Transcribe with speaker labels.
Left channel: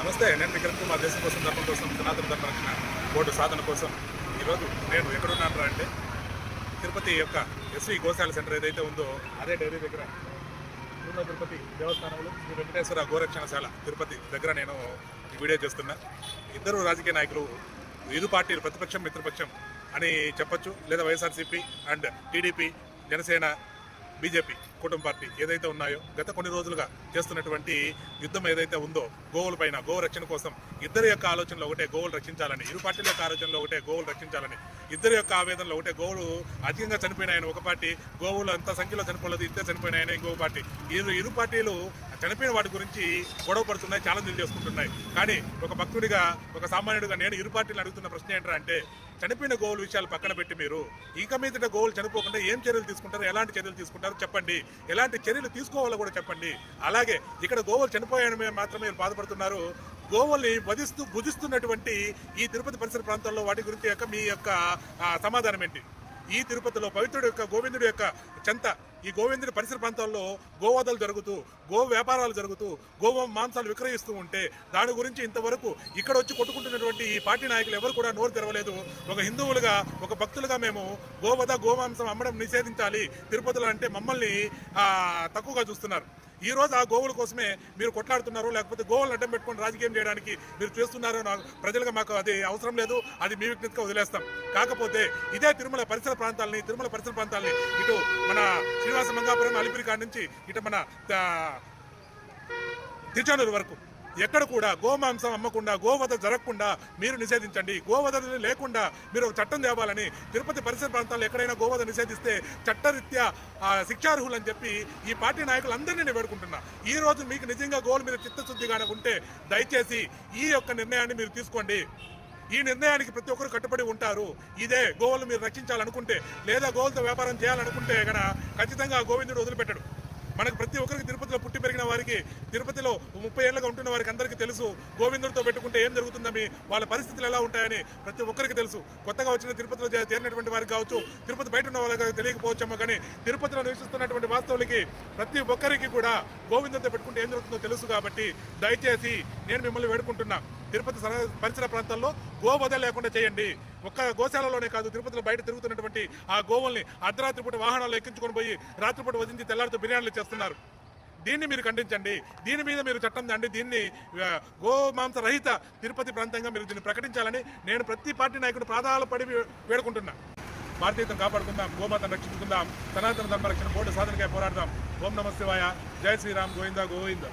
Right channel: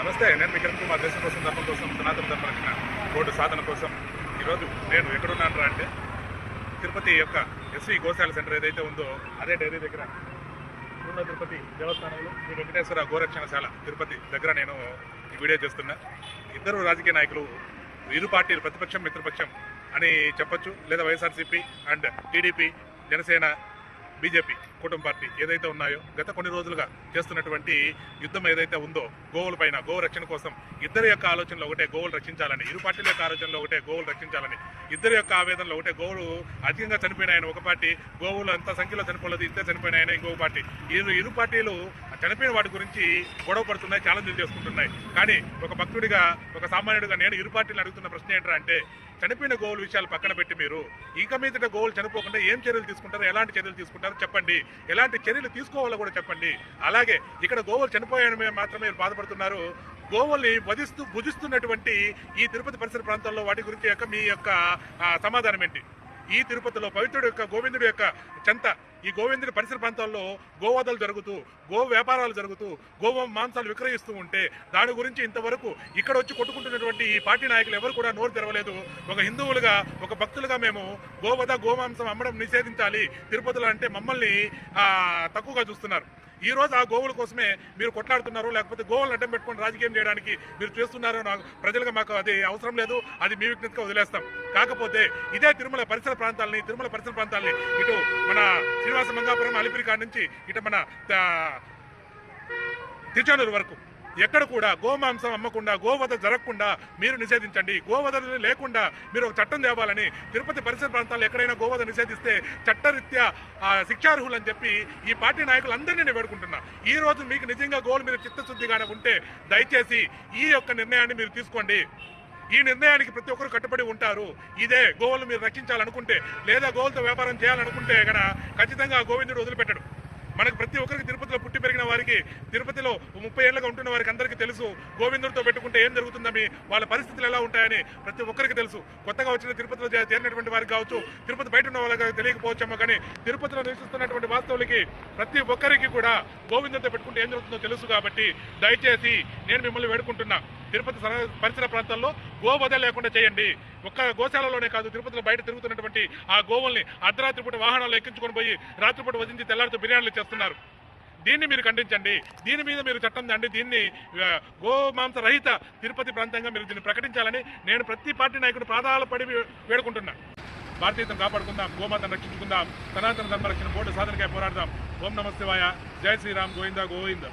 Speaker 1: నమస్తే నేను మీ కుమార్. దేశం కోసం ధర్మం కోసం సనాతన ధర్మ రక్షణ బోర్డు సాధన కోసం ఈరోజు నేను ఎక్కడున్నాను అంటే తిరుపతి యొక్క ఎస్వి గోశాల సెంటర్ ఏదైతే ఉందో అదే డైరీ దగ్గర తిరుమల తిరుపతి దేవస్థానంలో శ్రీ వెంకటేశ్వర గోరక్షణశాల తిరుపతి దగ్గర నేను ఈ వీడియో చేస్తున్నా. ఇద్దరు రాజకీయ నాయకులు ఇరు పార్టీలు ప్రతిపక్షం మిత్రపక్షం అని చెప్పొచ్చు. లేదా YSRCP and TDP Janasena BJP కుటుంబ పార్టీ ఏదైతే ఉన్నాయో గత కొన్ని రోజులుగా చేస్తున్నటువంటి యుద్ధం ఏదైతే ఉందో గోవుల పైన గోవు రక్షణ కోసం ఇద్దరి యొక్క ఆలోచనలో ఒకటే గోవులు రక్షించాలని ఇరు పార్టీల యొక్క ఆలోచనలో ఒకటే గోవులు రక్షించాలని ఇద్దరి యొక్క ఆవేదనలో ఒకటే గోవులు అధికంగా చనిపోయినాయని ఒక పార్టీ గోవులు అంత సంఖ్యలో చనిపోలేదు ఇద్దరు చనిపోయినాయని ఇంకొక పార్టీ. ఇరు ఇరు పార్టీలు చనిపోయిన వాటి గురించి గొడవ పడుతున్నాయి ఛాలెంజ్లు చేసుకుంటున్నాయి. కానీ ఒక భక్తుడిగా ఒక సామాన్యుడిగా నేను ఇరు పార్టీలు అడుగుతున్న ప్రశ్న ఏంటంటే చనిపోయిన గోవుల విషయాలు పక్కన పెట్టి మీరు ఇక మీదట గోవులు చనిపోకుండా ఏం చర్యలు తీసుకుంటారు ఎలాంటి చర్యలు తీసుకుంటారో చెప్పండి. ఎలాంటి చర్యలు తీసుకోవాలో కూడా చెప్పండి. అలాగే ఇక్కడ గోవులు చనిపోయాయని మాత్రమే మీరు బాధపడుతున్నారు. గోవుల్ని వధిస్తూ భుజిస్తున్నటువంటి ఈ తిరుపతి పరిసర ప్రాంతాల్లో వాటి గురించి యొక్క మీ యొక్క సమాధానం ఏంటి? ఈ తిరుపతిలో పవిత్రుడు యొక్క గోవిందుడు యొక్క చెంత ఈ గోవిందుడి పరిసర ప్రాంతాల్లో గోవాదలు జరుగుతూ గో వ్యాపారాలు జరుగుతూ గోవ మాంసాలు విక్రయిస్తూ ఉంటే దాని గురించి ఇంతవరకు ఇక్కడ వచ్చి కొట్టుకుంటున్నటువంటి ఈ పార్టీ నాయకులు ఎవరు కూడా నోరు తెరవలేదు. ఒక హిందువులుగా ఒక భక్తులుగా మేము గోవద గోమాంసం అమ్మడం నిషేధించాలి. తిరుపతిలో అంటే మమ్మల్ని తక్కువగా చూస్తున్నారు. ఈ రోజు ఆ గోవుల కోసమే మీరు కొట్లాడుతున్నారు. లేకపోతే గోవులను అడ్డం పెట్టుకొని రాజకీయం చేయడానికి మీరు చేస్తున్నారు నాకు ప్రజలుగా మాకు అది అవసరం లేదు. అది మీ విజ్ఞతగా వదిలేస్తాం. కాకపోతే ఇదే తిరుమల పరిసర ప్రాంతాలని తిరుమల పరిసర ప్రాంతాలని ఇటు మన శ్రీనివాస మంగాపురం అలిపిరి కాడ నుంచి ఇటు మన తిరుచానూరు వరకు. ఎక్కడ కూడా గోమాంసం అమ్మకుండా గోవధ జరగకుండా మీరు నిషేధించండి. గోవధ లేకుండా మీరు ఒక చట్టం తేవాలని తిరుపతి పరిసర ప్రాంతాల్లో ఎక్కడైనా గోవధ నిషేధిస్తే చట్టరీత్యా శిక్షార్హులు శిక్షార్హులని చెప్పి ఈ పార్టీ నాయకులందరినీ నేను వేడుకుంటున్నా. ఈ రోజు మీకు నిజంగా గోల్ మీద చిత్తశుద్ధిగానే ఉంటే దయచేసి ఈ యొక్క నిర్ణయాన్ని మీరు తీసుకోండి. ఈ నిర్ణయానికి ప్రతి ఒక్కరు కట్టుబడి ఉంటారు. ఇదే గోవులు మీరు రక్షించాలనుకుంటే లేదా గోవులతో వ్యాపారం చేయాలనుకుంటే గన ఖచ్చితంగా గోవిందుడు వదిలిపెట్టడు. మనకు ప్రతి ఒక్కరికి తిరుపతిలో పుట్టి పెరిగిన వారికి తిరుపతిలో ముప్పై ఏళ్ళగా ఉంటున్న వారికి అందరికీ తెలుసు. గోవిందుడితో పెట్టుకుంటే ఏం జరుగుతుందని వాళ్ళ పరిస్థితులు ఎలా ఉంటాయని ప్రతి ఒక్కరికి తెలుసు. కొత్తగా వచ్చిన తిరుపతిలో చేరినటువంటి వారికి కావచ్చు తిరుపతి బయట ఉన్న వాళ్ళకి తెలియకపోవచ్చేమో కానీ తిరుపతిలో నివసిస్తున్నటువంటి వాస్తవులకి ప్రతి ఒక్కరికి కూడా గోవిందుడితో పెట్టుకుంటే ఏం జరుగుతుందో తెలుసు కాబట్టి దయచేసి నేను మిమ్మల్ని వేడుకుంటున్నా. తిరుపతి సర- పరిసర ప్రాంతాల్లో గోవధ లేకుండా చేయండి. ఒక్క గోశాలలోనే కాదు తిరుపతిలో బయట తిరుగుతున్నటువంటి ఆ గోవుల్ని అర్ధరాత్రి పూట వాహనాలు ఎక్కించుకొని పోయి రాత్రిపూట వదిలించి తెల్లారితో బిర్యానీలు చేస్తున్నారు. దీన్ని మీరు ఖండించండి. దీని మీద మీరు చట్టం తండి దీన్ని గోమాంస రహిత తిరుపతి ప్రాంతంగా మీరు దీన్ని ప్రకటించాలని నేను ప్రతి పార్టీ నాయకుడు పాదాల పడి వేడుకుంటున్నా. భారతీయతను కాపాడుకుందాం గోమాతను రక్షించుకుందాం సనాతన ధర్మ రక్షణ బోర్డు సాధనకై పోరాడదాం. ఓం నమ శివాయ. జై శ్రీరామ్ గోవిందా గోవిందా.